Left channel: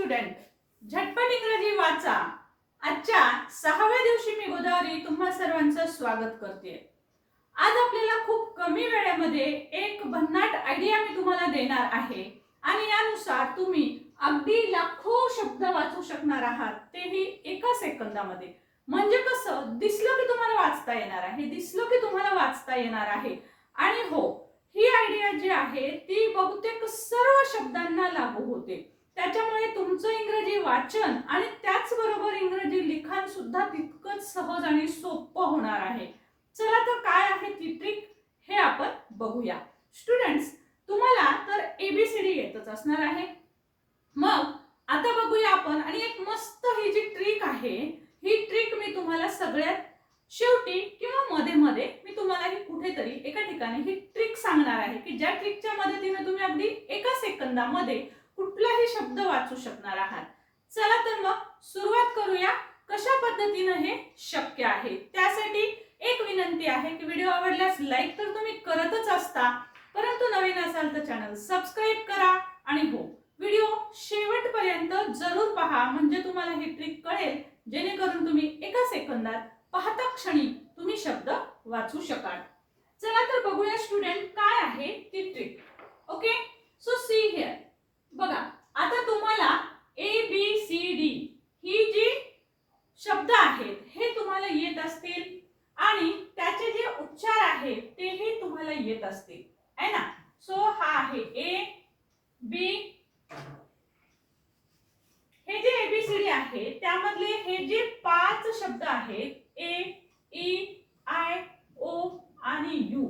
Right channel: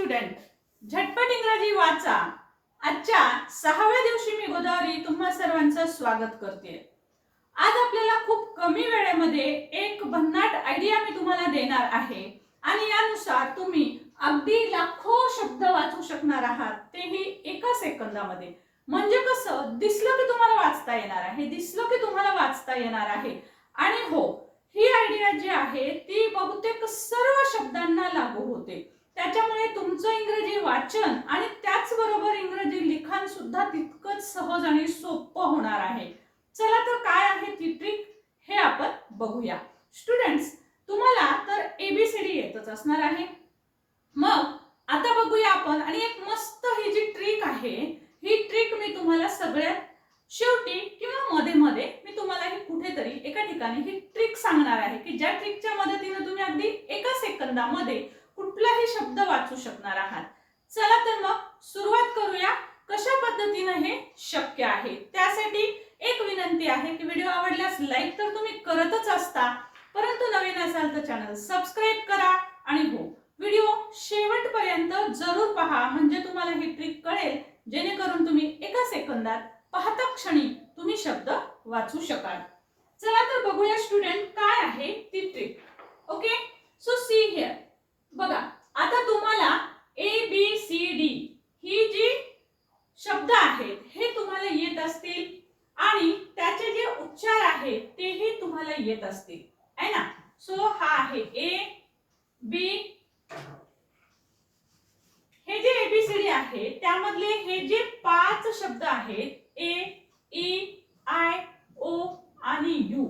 Student झटपट इंग्रजी वाचा. आजच्या सहाव्या दिवशी मी गोदावरी तुम्हा सर्वांचं स्वागत करते. आज आपल्याला खूप कमी वेळेमध्ये एक भन्नाट आयडिया मी तुम्हाला देणार आहे. आणि यानुसार तुम्ही अगदी लाखो शब्द वाचू शकणार आहात. तेही एका सेकंदामध्ये. म्हणजे कसं? दिसलं की तुम्हाला वाचता येणार आहे. दिसलं की तुम्हाला वाचता येणार आहे. आणि हो ही आयडिया जी आहे ती बहुतेक सर्व शब्दांना लागू होते. त्याच्यामुळे तुमचं इंग्रजी वाचन आणि त्याचबरोबर इंग्रजी लिखाण सुद्धा तितकंच सहज आणि सोपं होणार आहे. चला तर काय आहे ती ट्रिक हे आपण बघूया. स्टुडंट्स तुम्हाला तर एबीसीडी येतच असणार आहे. मग आता बघूया आपण आणि एक मस्त ही जी ट्रिक आहे ही ट्रिक मी तुम्हाला सगळ्यात शेवटी किंवा मध्ये मध्ये मी तुम्हाला ही कुठेतरी एका ठिकाणी ही ट्रिक सांगणार आहे की ज्या ट्रिकच्या मदतीने तुम्ही अगदी एका सेकंदामध्ये कुठलाही शब्द वाचू शकणार आहात. चला तर मग सुरुवात करूया. कशा पद्धतीनं हे शक्य आहे? त्यासाठी एक विनंती आहे की व्हिडिओ आवडल्यास लाईक तर तुम्ही करतच असता. परंतु नवीन असाल तर चॅनल सबस्क्राईब करा आणि हो व्हिडिओ शेवटपर्यंत जरूर पहा. म्हणजे तुम्हाला ही ट्रिक कळेल जेणेकरून तुम्ही एका सेकंदात पाहता क्षणी तुम्ही शब्द वाचू शकाल. चला तर बघूया स्टुडंट काय आहे ती trick? Okay? So see here बघा आता तुम्हाला ए बी सी डी ही जी शब्द आहेत हे तुम्हाला येत असतील आणि त्याचे जे उच्चार आहेत तेही तुम्हाला येत असतील आहे ना सो हा आहे ए बी हे जे एबीसीडी आहे त्यामधले हे जे पाच शब्द आहेत ए ई आय ओ आणि यू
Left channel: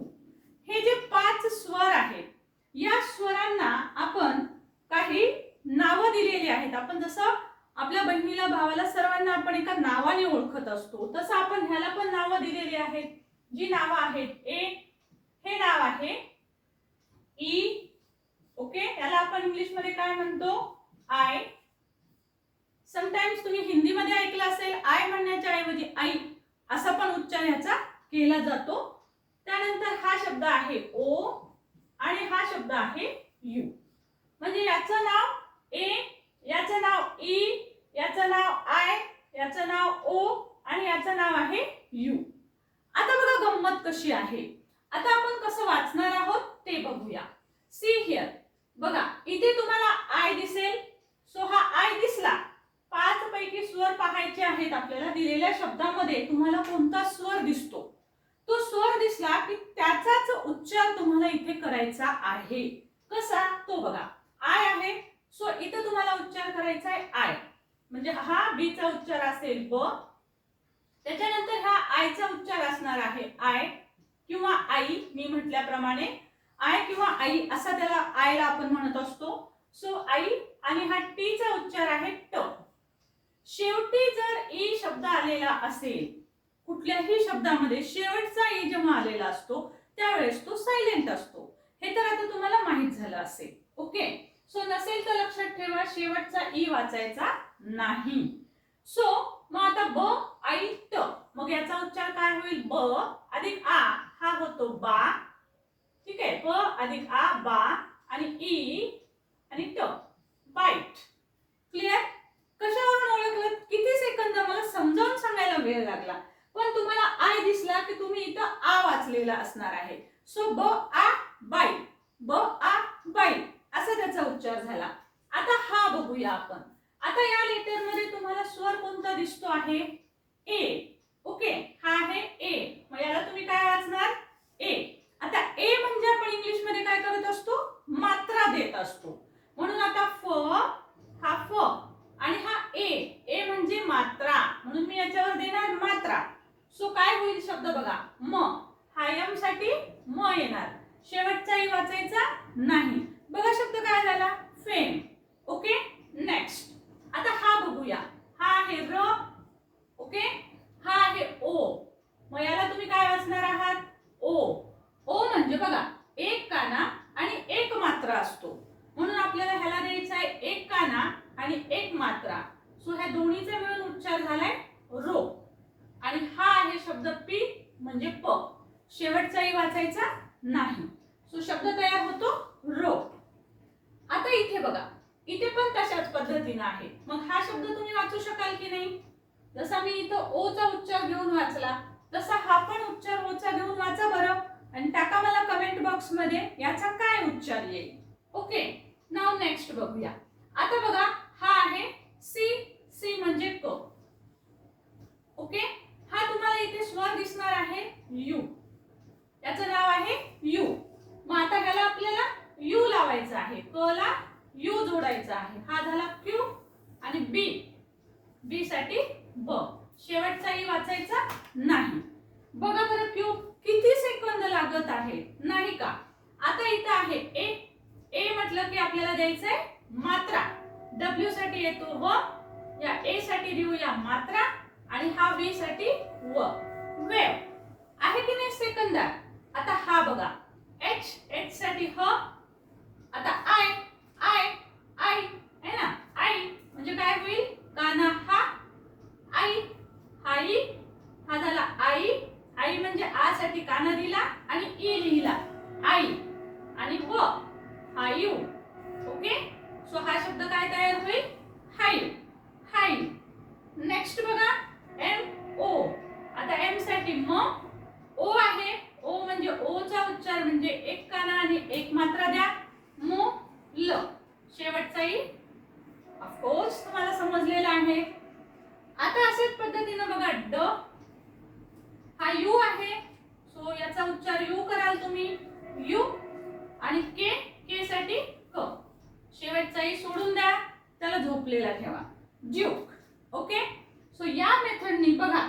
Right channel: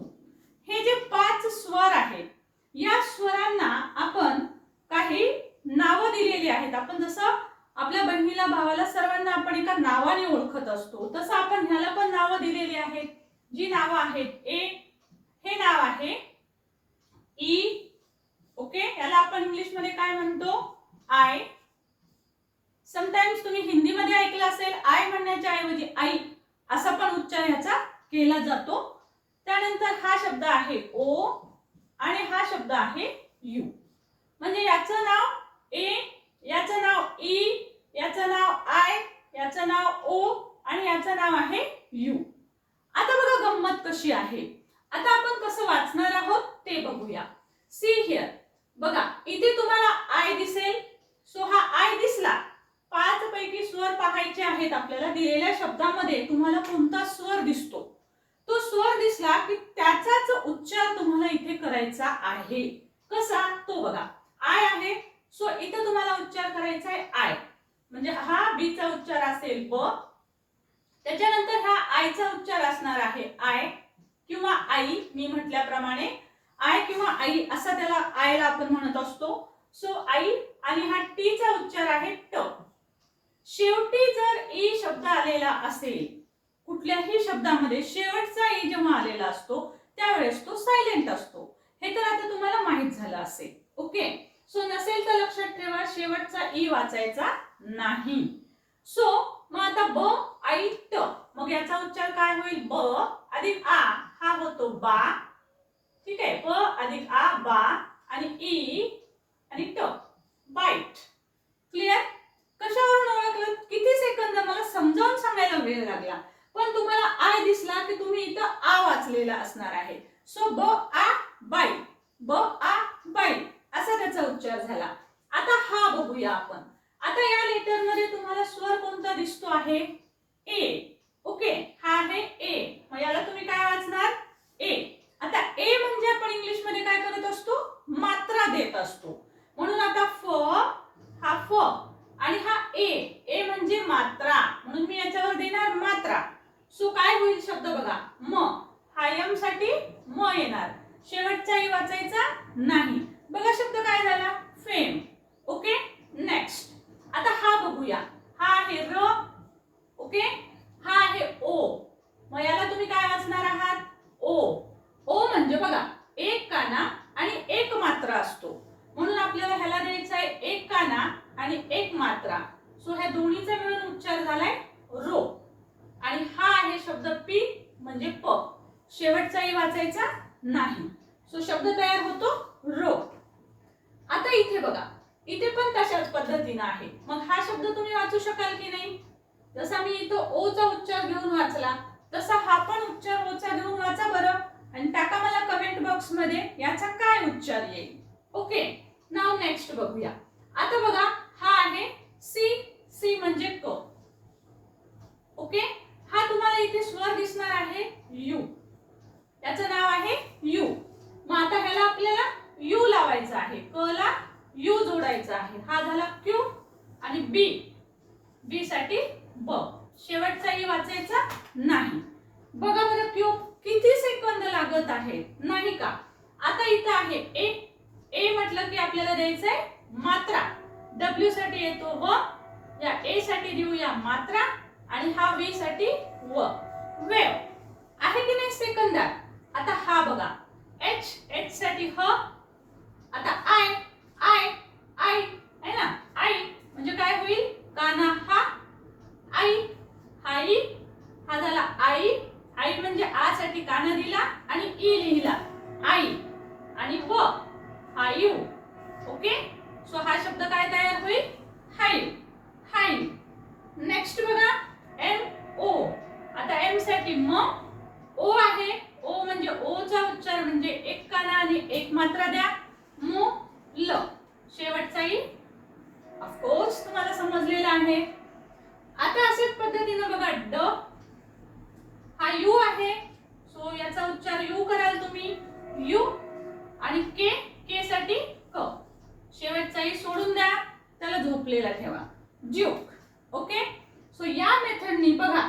हे जे पाच स्वर आहेत या स्वरांना आपण काही नावं दिलेली आहेत आपण जसं आपल्या बहिणीला भावाला सर्वांना आपण एका नावाने ओळखत असतो. तसं आपण ह्याला पण नावं दिलेली आहेत. जी नावं आहेत ए हे नाव आहे ई ओके? याला आपण इंग्लिशमध्ये काय म्हणतो? आय. समटाइम्स तुम्ही हिंदीमध्ये ऐकलं असेल आय म्हणण्याच्या ऐवजी आई असा पण उच्चार ह्याचा केला जातो. त्यानंतर हा शब्द आहे ओ आणि हा शब्द आहे यू. म्हणजे याचं नाव ए याचं नाव ई याचं नाव आय याचं नाव ओ आणि याचं नाव आहे यू आता बघा गंमत कशी आहे. आता आपण कसं वाचणार आहोत ते बघूया. सी हिअर बघा इथे तुम्हाला आय दिसेल. सो हा आय दिसला. पाच पैकी स्वर पाहायचे आहेत आपल्याला दिलेल्या शब्दामध्ये. तुम्हाला कोणता स्वर दिसतो? तो स्वर दिसला की त्याचाच उच्चार तुम्हाला इथे करायचा आहे. कसा? तो बघा. आय आहे. सो इथे तुम्हाला उच्चार करायचा आहे आय म्हणजे हा बी चा उच्चार असेल ब त्याच्यानंतर हा आयचा उच्चार असणार आहे आय किंवा आई मी म्हटल्याप्रमाणे. आय किंवा आई असा त्याला आयला आपण म्हणत असतो. सो आई आणि हा टी चा उच्चार आहे ट. शेवटी जर ई शब्द आलेला असेल कुठल्याही शब्दामध्ये शेवटचा ई जेव्हा आलेला असतो त्यावेळेस तो सायलेंट असतो. हे तर आता तुम्हाला माहीत झालं असेल. ओके? सो नसेल तर लक्षात ठेवा शेवटचा ई वाचायचा. नाही. सो मग आता ब आई ट मग याचा उच्चार काय होईल? ब अधिक आ हा होतो बा. ठीक आहे? ब अधिक आ बा. आणि ई आणि ट बाईट. क्लिअर कशावरून ओळखलं? किती सेकंद? मला समजावून सांगायला वेळ लागला. पण तुम्हाला आय दिसला की तुम्ही इथं आ वाचलेला असणार आहे. सो ब आ बाई. ब आ बाई. असा त्याचा उच्चार झाला. आता हा बघूया आपण. आता या लेटरमध्ये तुम्हाला स्वर कोणता दिसतो आहे? ए ओके हा आहे ए मग याला तुम्ही काय वाचणार ए आता ए म्हणजे आपण इंग्लिशमध्ये काय करत असतो मात्रा देत असतो म्हणून आता फ हा फ आणि हा ए ए म्हणजे मात्रा म्हणून मी याच्यावर देणार मात्रा सो काय होईल शब्द बघा म हा यमसाठी म येणार शेवटचाही वाचायचा नाही बघा शब्द काय झाला फेम ओके नेक्स्ट आता हा बघूया हा आहे र ओके हा आहे ओ मग याला तुम्ही काय वाचणार आहात ओ ओ म्हणजे बघा एक काना आणि एक मात्रा असतो म्हणून आपल्याला ह्याला द्यायचा आहे एक काना आणि एक मात्रा सो ह्या दोन्हीचा मिळून उच्चार झालाय रो. आणि हा आहे शब्द पी म्हणजे प. शेवटचाही वाचायचा नाही. सो शब्द तयार होतो रो. आता इथे बघा. इथे पण तशाच पद्धतीने पद्धतीनं आहे. मग हा शब्द तुम्ही वाचू शकाल की नाही? जसा मी इथं ओचा उच्चार घेऊन वाचला तसा हा पण उच्चार ओचा घेऊन वाचा बरं. आणि टाका मला कमेंट बॉक्समध्ये याचा काय उच्चार येईल. ओके नाव नेक्स्ट बघूया आता बघा हा आहे सी सी म्हणजे क ओके हा तुम्हाला इथे स्वर दिसणार आहे यू याचं नाव आहे यू मग आता ह्याला आपल्याला यू लावायचं आहे क ला यू जोडायचा आहे हा झाला क्यू आणि बी बी साठी ब शेवटचा ई वाचायचा नाही बघा बरं क्यू किती सेकंद लागत आहे. नाही का? आता इथं आहे ए ए म्हटलं की आपल्याला द्यायचंय मात्रा. डब्ल्यू साठी येतो व. या ए साठी देऊया मात्रा आणि हा वी साठी व. वेव. आहे की नाही सेकंदार आता हा बघा. एच एच साठी ह. आता आय आय आय आहे ना? आई म्हणजे काय होईल? काना हा. आई हाई. हा झाला आई आई म्हणजे आ साठी काना दिला आणि ई लिहिला. आई आणि व हा यू ओके सो हा शब्द काय तयार होईल हाई हाई नेक्स्ट बघा एम ओ आता एमसाठी म ओ आहे ओ म्हणजे ओ चा उच्चार म्हणजे एक काना आणि एक मात्रा द्या मो ल शेवटचा ई ऑफकोर्स तुम्हाला समजलेला आहे आता असेच पद्धतीनं बघा ड हा यू आहे सो याचा उच्चार यू कराल तुम्ही यू आणि के के साठी क शेवटचा ई सोडून द्या त्याला झोपलेला ठेवा ज्यूक ओके सो या मेथडनी बघा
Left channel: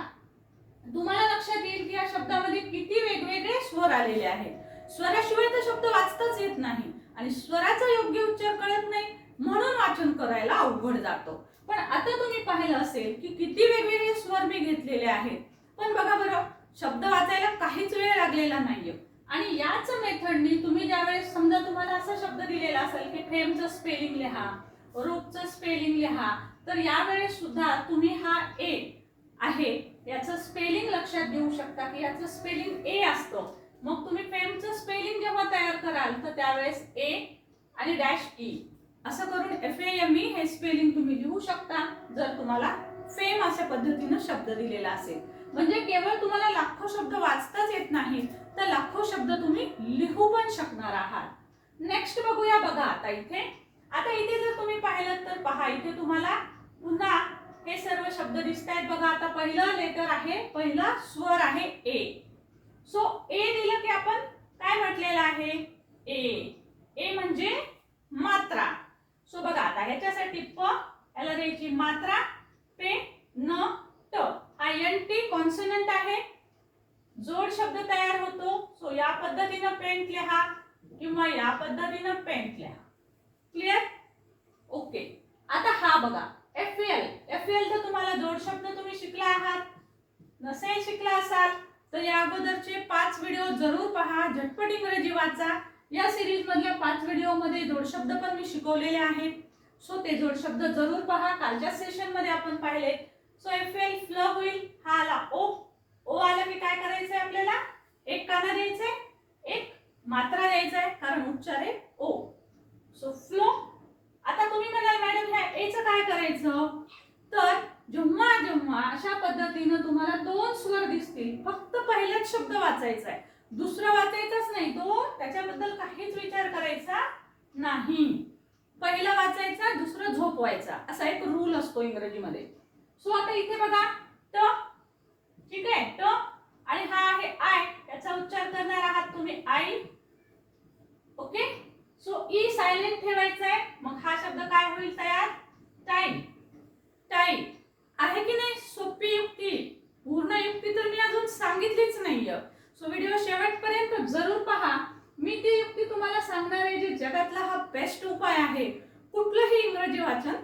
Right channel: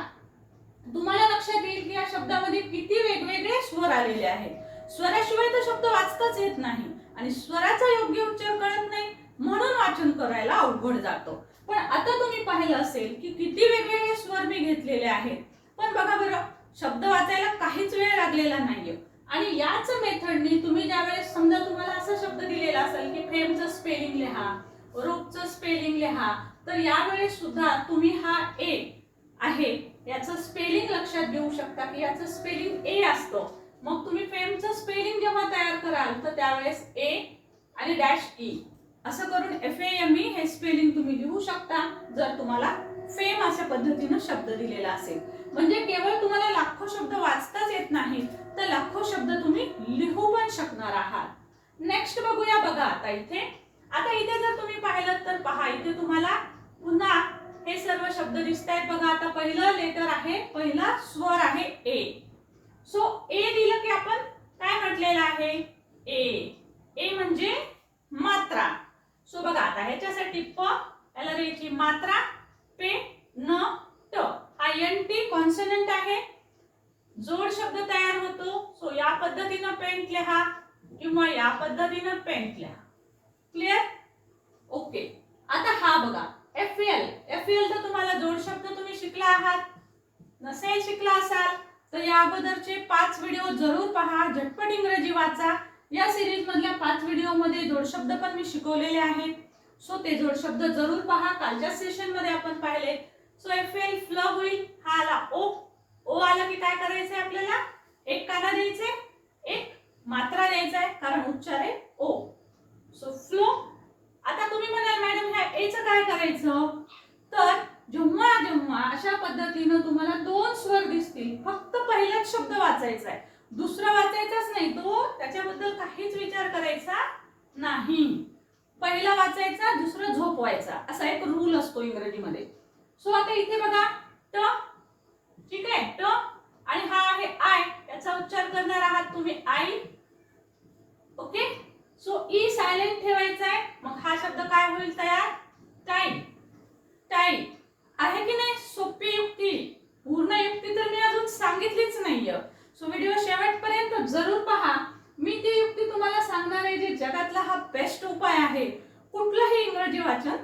तुम्हाला लक्षात येईल की या शब्दामध्ये किती वेगवेगळे स्वर आलेले आहेत स्वराशिवाय तर शब्द वाचताच येत नाही आणि स्वराचा योग्य उच्चार कळत नाही म्हणून वाचन करायला अवघड जातो. पण आता तुम्ही पाहिलं असेल की किती वेगवेगळे स्वर मी घेतलेले आहेत. पण बघा बरं शब्द वाचायला काहीच वेळ लागलेला नाहीये. आणि याच मेथडनी तुम्ही ज्यावेळेस समजा तुम्हाला असा शब्द दिलेला असेल की फ्रेमचं स्पेलिंग लिहा रोपचं स्पेलिंग लिहा तर यावेळेस सुद्धा तुम्ही हा ए आहे याचं स्पेलिंग लक्षात घेऊ शकता की याचं स्पेलिंग ए असतं. मग तुम्ही फ्रेमचं स्पेलिंग जेव्हा तयार कराल तर त्यावेळेस ए आणि डॅश ई. असं करून एफ एम ई हे स्पेलिंग तुम्ही लिहू शकता जर तुम्हाला फेम अशा पद्धतीनं शब्द दिलेला असेल. म्हणजे केवळ तुम्हाला लाखो शब्द वाचताच येत नाही तर लाखो शब्द तुम्ही लिहू पण शकणार आहात. नेक्स्ट बघूया बघा आता इथे. आता इथे जर तुम्ही पाहिलं तर पहा इथे तुम्हाला पुन्हा हे सर्व शब्द दिसत आहेत बघा. आता पहिलं लेटर आहे पहिला स्वर आहे ए सो ए दिलं की आपण काय म्हटलेलं आहे? ए ए म्हणजे मात्रा. सो बघा आता ह्याच्यासाठी प याला द्यायची मात्रा पे न ट. हा एन टी कॉन्सनंट आहे. जोड शब्द तयार होतो. सो या पद्धतीनं पेंट लिहा किंवा या पद्धतीनं पेंट लिहा. क्लिअर ओके आता हा बघा एफ एल एफ एल तर तुम्हाला जोड शब्द तुम्ही शिकला आहात. नसेल शिकला असाल तर या अगोदरचे पाच व्हिडिओ जरूर पहा. झटपट इंग्रजी वाचा. या सिरीज मधल्या पाच व्हिडिओमध्ये जोड शब्द पण मी शिकवलेले आहेत. सो ते जोड शब्द जरूर पहा. कालच्या सेशनमध्ये आपण पाहिले. सो एफ एल फ्ल होईल. हा आला ओ ओ आला की काय करायचंय आपल्याला? एक काना द्यायचंय एक मात्रा द्यायचा आहे कारण उच्चार आहे ओ सो फ्लो आता तुम्ही म्हणाल मॅडम ह्या एच काय करायचं? तर जेव्हा जेव्हा अशा पद्धतीनं तुम्हाला दोन स्वर दिसतील फक्त पहिलाच शब्द वाचायचा आहे दुसरा वाचायचाच नाही तो. त्याच्याबद्दल काहीच विचार करायचा नाही. पहिला वाचायचा दुसरं झोपवायचा. असा एक रूल असतो इंग्रजीमध्ये. सो आता इथे बघा ट ठीक आहे ट आणि हा आहे आय त्याचा उच्चार करणार आहात तुम्ही I okay so E silent ठेवायचा आहे मग हा शब्द काय होईल तयार टाईम टाईम आहे की नाही सोपी युक्ती पूर्ण युक्ती तर मी अजून सांगितलीच नाहीये सो व्हिडिओ शेवटपर्यंत जरूर पहा मी ती युक्ती तुम्हाला सांगणार आहे जे जगातला हा बेस्ट उपाय आहे कुठलंही इंग्रजी वाचन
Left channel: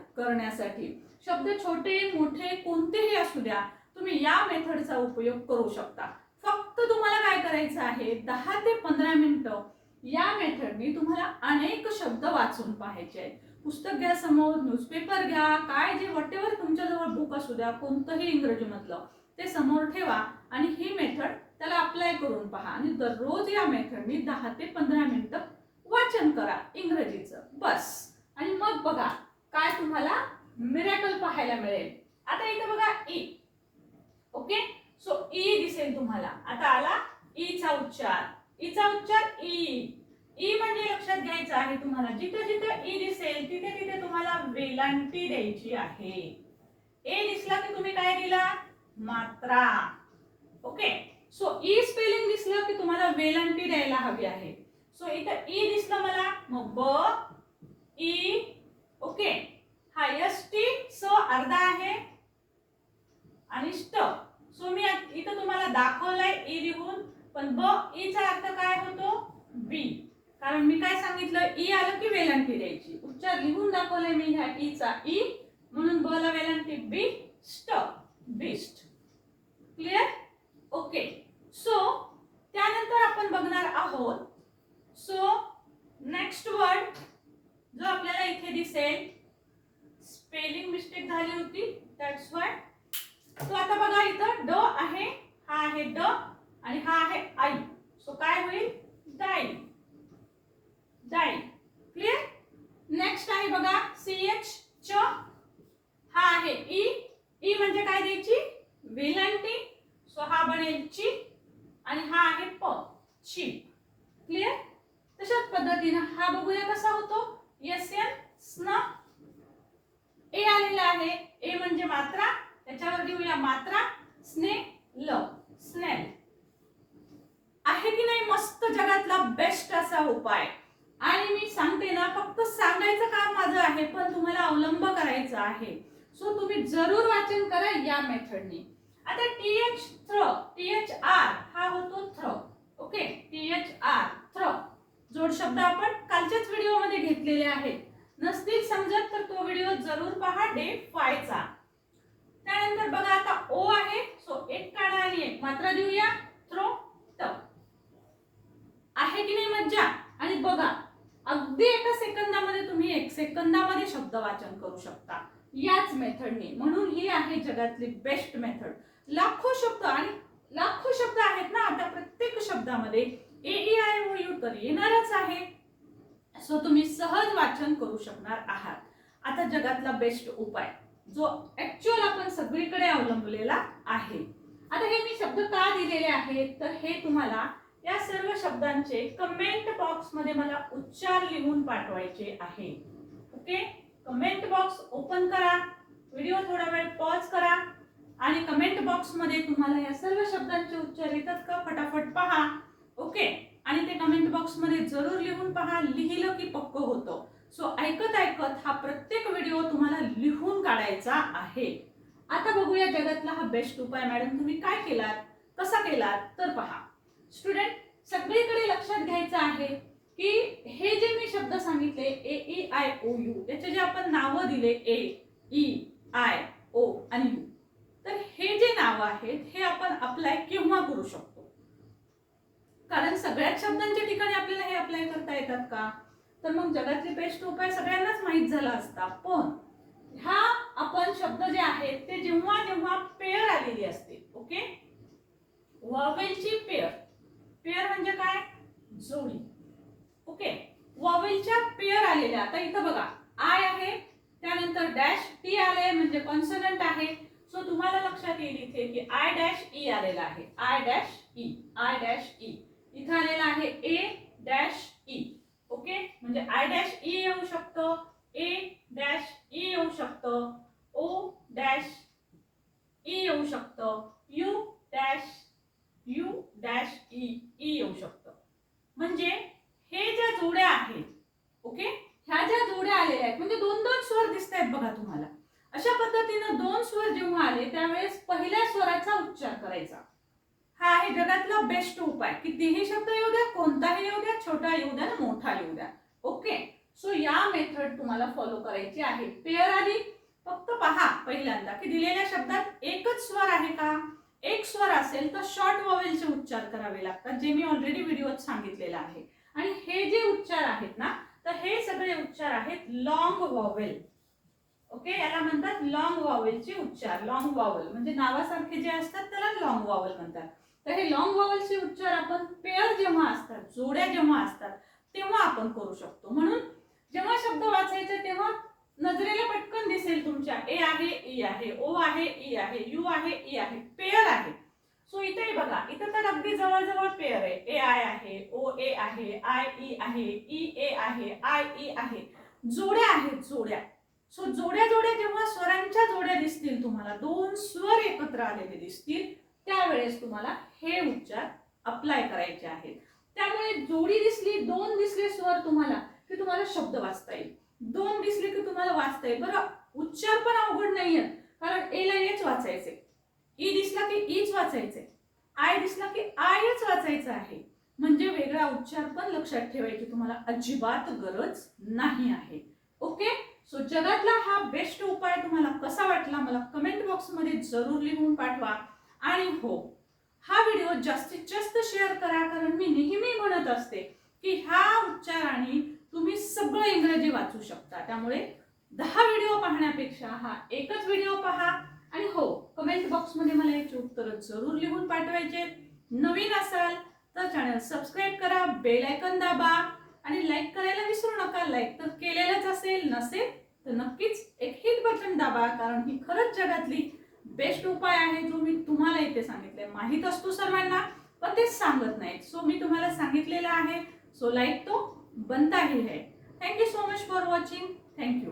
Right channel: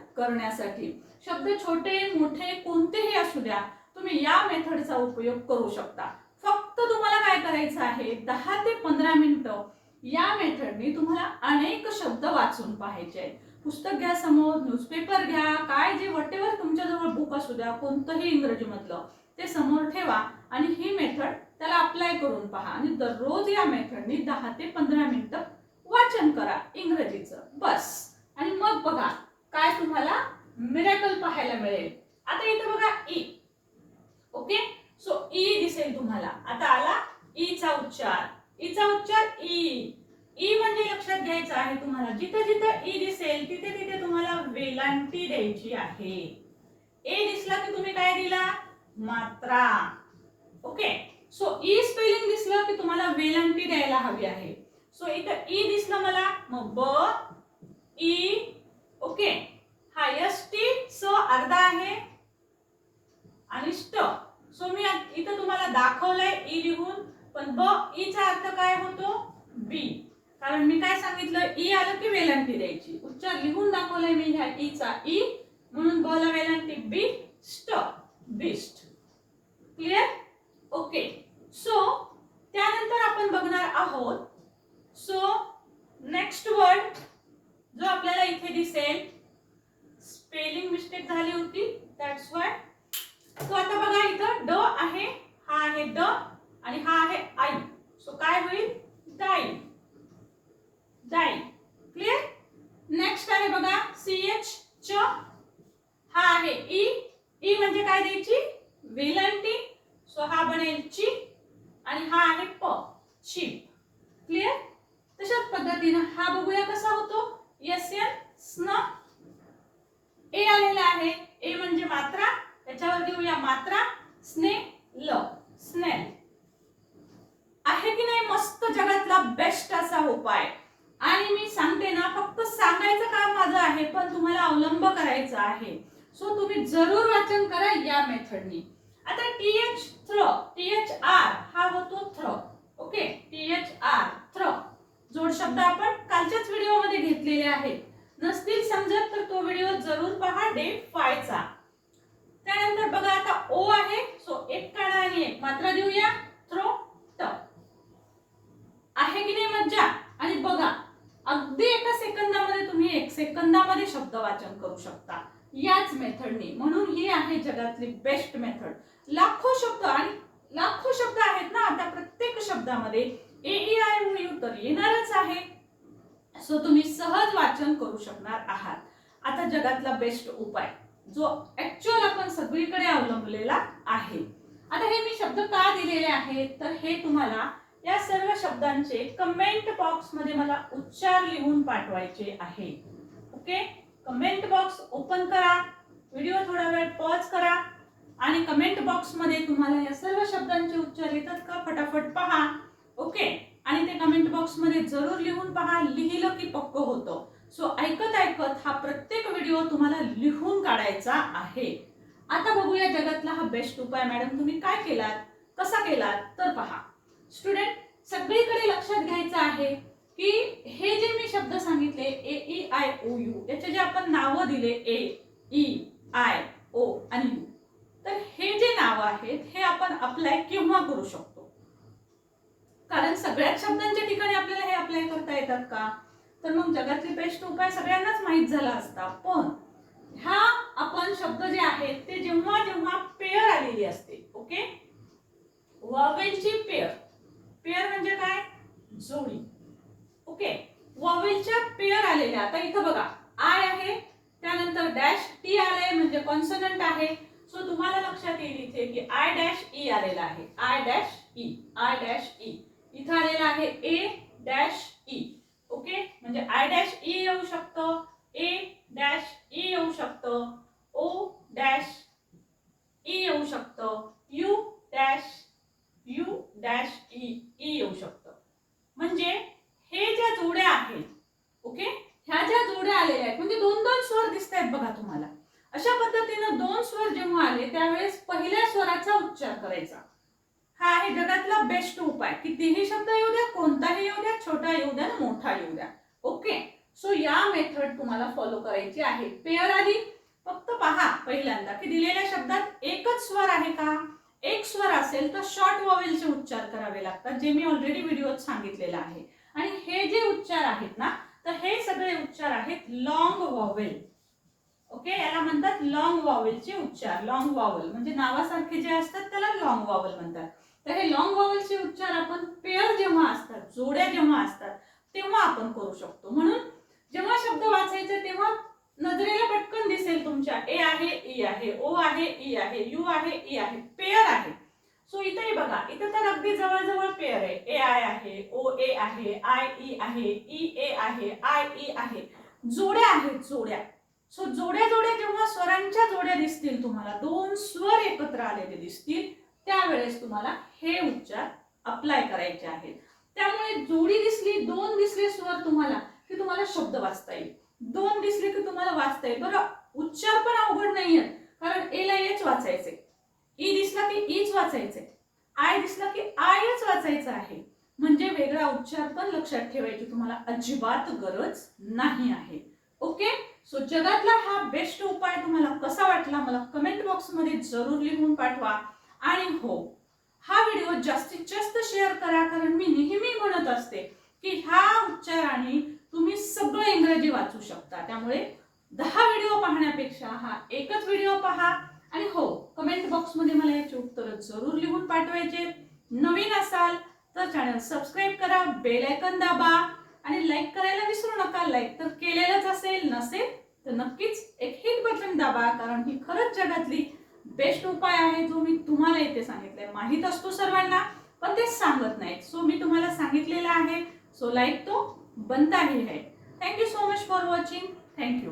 करण्यासाठी. शब्द छोटे मोठे कोणतेही असू द्या तुम्ही या मेथडचा उपयोग करू शकता. फक्त तुम्हाला काय करायचं आहे दहा ते पंधरा मिनिटं या मेथडनी तुम्हाला अनेक शब्द वाचून पाहायचे आहेत. पुस्तक घ्या समोर न्यूजपेपर घ्या काय जे वटेवर तुमच्याजवळ बुक असू द्या कोणतंही इंग्रजीमधलं ते समोर ठेवा आणि ही मेथड त्याला अप्लाय करून पहा. आणि दररोज या मेथडनी दहा ते पंधरा मिनिटं वाचन करा इंग्रजीचं. बस. आणि मग बघा काय तुम्हाला मिरॅकल पाहायला मिळेल. आता इथे बघा ई ओके सो ई दिसेल तुम्हाला. आता आला e ईचा उच्चार. E ईचा उच्चार ई ई म्हणजे लक्षात घ्यायचं आहे तुम्हाला जिथं जिथं ई दिसेल तिथे तिथे तुम्हाला वेलांटी द्यायची आहे. ए दिसला की तुम्ही काय दिला? मात्रा. ओके सो ई स्पेलिंग दिसलं की तुम्हाला वेलांटी द्यायला हवी आहे. सो इथं ई दिसलं मला मग ब ई ओके हा टी स अर्धा आहे. आणि स्ट सो मी इथं तुम्हाला दाखवलंय ई लिहून पण ब ईचा अर्थ काय होतो? बी. कारण मी काय सांगितलं? ई आलं की वेलांटी द्यायची. उच्चार लिहून दाखवलंय मी ह्या ईचा ई. म्हणून ब ला वेलांटी. बी स्ट बिस्ट क्लिअर ओके सो त्यानंतर आपण बघणार आहोत सो नेक्स्ट वर्ड जो आपल्याला इथे दिसेल स्पेलिंग मिस्टेक झाली होती दॅट्स वाय तो आता बघा इथं ड आहे हा आहे ड आणि हा आहे आई सो काय होईल डाई डाई क्लिअर नेक्स्ट आहे बघा सी एच च हा आहे ई ई म्हणजे काय द्यायची वेलांटी सो हा बनेल ची आणि हा आहे प शिप क्लिअर तशाच पद्धतीनं हा बघूया कसा होतो. एस एन स्न. ए आलेला आहे. ए म्हणजे मात्रा. त्याच्यावर देऊया मात्रा. स्ने ल. स्नेल आहे की नाही मस्त जगातला बेस्ट असा उपाय? आणि मी सांगते ना फक्त सांगायचं काम माझं आहे पण तुम्हाला अवलंब करायचा आहे. सो तुम्ही जरूर वाचन करा या मेथडनी आता टी एच आर हा होतो थ्र ओके टी एच आर थ्र जोड शब्द आपण कालच्याच व्हिडिओमध्ये घेतलेले आहेत नसतील समजत तर तो व्हिडिओ जरूर पहा डे फायचा त्यानंतर बघा आता ओ आहे सो एक काढा आणि एक मात्रा देऊया थ्रो ट आहे की नाही मज्जा आणि बघा अगदी एका सेकंदामध्ये तुम्ही एक सेकंदामध्ये शब्द वाचन करू शकता याच मेथडनी म्हणून ही आहे जगातली बेस्ट मेथड लाखो शब्द आणि लाखो शब्द आहेत ना आता प्रत्येक शब्दामध्ये A E I O U तर येणारच आहे. सो तुम्ही सहज वाचन करू शकणार आहात. आता जगातला बेस्ट उपाय जो ऍक्च्युअल आपण सगळीकडे अवलंबलेला आहे. आता हे मी शब्द का दिलेले आहेत तर हे तुम्हाला या सर्व शब्दांचे कमेंट बॉक्समध्ये मला उच्चार लिहून पाठवायचे आहे. ओके कमेंट बॉक्स ओपन करा. व्हिडिओ थोडा वेळ पॉज करा. आणि कमेंट बॉक्समध्ये तुम्हाला या सर्व शब्दांचे उच्चार येतात का? फटाफट पहा ओके आणि ते कमेंट बॉक्समध्ये जरूर लिहून पहा. लिहिलं की पक्क होतं. सो ऐकत ऐकत हा प्रत्येक व्हिडिओ तुम्हाला लिहून काढायचा आहे. आता बघूया जगातला हा बेस्ट उपाय. मॅडम तुम्ही काय केलात? कसा केलात? तर पहा. स्टुडंट सगळीकडे लक्षात घ्यायचं आहे की हे जे मी शब्द सांगितले A E I O U याचे जे आपण नावं दिले ए ई आय ओ आणि यू तर हे जे नावं आहेत हे आपण अप्लाय केव्हा करू शकतो? कारण सगळ्याच शब्दांच्या ठिकाणी आपल्याला हे अप्लाय करता येतात का? तर मग जगातले बेस्ट उपाय सगळ्यांनाच माहीत झाला असता. पण ह्या आपण शब्द जे आहेत ते जेव्हा जेव्हा पेअर आलेली असते ओके वॉवेलची पेअर पेअर म्हणजे काय? जोडी. ओके वॉवेलच्या पेअर आलेल्या. आता इथं बघा आय आहे त्यानंतर डॅश टी आले म्हणजे कॉन्सनंट आहे. सो तुम्हाला लक्षात येईल इथे की आय डॅश ई आलेला आहे. I dash E I dash E इथं आलेला आहे ए डॅश ई ओके? म्हणजे आय डॅश ई येऊ शकतं. ए डॅश ई येऊ शकतं. ओ डॅश ई येऊ शकतं. U dash U dash E E येऊ शकतं. म्हणजे हे ज्या जोड्या आहेत ओके? ह्या ज्या जोड्या आलेल्या आहेत म्हणजे दोन दोन स्वर दिसत आहेत बघा तुम्हाला. अशा पद्धतीनं दोन स्वर जेव्हा आले त्यावेळेस पहिल्या स्वराचा उच्चार करायचा. हा आहे जगातला बेस्ट उपाय. कितीही शब्द येऊ द्या कोणताही येऊ द्या छोटा येऊ द्या मोठा येऊ द्या. ओके सो या मेथड तुम्हाला फॉलो करायची आहे. पेअर आधी. फक्त पहा पहिल्यांदा की दिलेल्या शब्दात एकच स्वर आहे का? एक स्वर असेल तर शॉर्ट वॉवेलचे उच्चार करावे लागतात जे मी ऑलरेडी व्हिडिओत सांगितलेलं आहे. आणि हे जे उच्चार आहेत ना तर हे सगळे उच्चार आहेत लॉंग वॉवेल ओके याला म्हणतात लॉंग वॉवेलचे उच्चार. लॉंग वॉवल म्हणजे नावासारखे जे असतात त्याला लॉंग वॉवल म्हणतात. तर हे लॉंग वॉवेलचे उच्चार आपण पेअर जेव्हा असतात जोड्या जेव्हा असतात तेव्हा आपण करू शकतो. म्हणून जेव्हा शब्द वाचायचे तेव्हा नजरेला पटकन दिसेल तुमच्या. ए आहे ई आहे ओ आहे ई आहे यू आहे ई आहे. पेअर आहे. सो इथे बघा इथं तर अगदी जवळजवळ पेअर आहे. ए आय आहे ओ ए आहे आय ई आहे ई ए आहे आय ई आहे. जोड्या आहेत जोड्या. सो जोड्या जोड्या जेव्हा स्वरांच्या जोड्या दिसतील तुम्हाला दोन स्वर एकत्र आलेले दिसतील त्यावेळेस तुम्हाला हे उच्चार अप्लाय करायचे आहेत. त्यामुळे जोडी दिसली दोन दिसले स्वर तुम्हाला की तुम्हाला शब्द वाचता येईल. दोन दिसले की तुम्हाला वाचता येईल. बरं उच्चार पण अवघड नाहीये. कारण ए ला एच वाचायचे ई e दिसला की ईच वाचायचे आय दिसला की आयच वाचायचं आहे. म्हणजे वेगळा उच्चार पण लक्षात ठेवायची तुम्हाला अजिबात गरज नाही आहे. ओके? सो जगातला हा बेस्ट उपाय तुम्हाला कसा वाटला मला कमेंट बॉक्समध्ये जरूर लिहून पाठवा. आणि हो हा व्हिडिओ जास्तीत जास्त शेअर करा कारण मी नेहमी म्हणत असते की ह्या उच्चाराने तुम्ही सगळं इंग्रजी वाचू शकता. त्यामुळे दहा व्हिडिओ पाहण्यापेक्षा हा एकच व्हिडिओ पहा. आणि हो कमेंट बॉक्समध्ये मला याची उत्तरं जरूर लिहून पाठवायचे. नवीन असाल तर चॅनल सबस्क्राईब करा बेल आयकन दाबा. आणि लाईक करायला विसरू नका. लाईक तर केलेलंच असेल नसेल तर नक्कीच एक हिट बटन दाबा कारण ही खरंच जगातली बेस्ट उपाय आहे जो मी तुम्हाला इथे सांगितलाय. माहीत असतो सर्वांना पण ते सांगत नाहीत. सो मी तुम्हाला सांगितलेलं आहे. सो लाईक तो बनता ही है thank you so much for watching thank you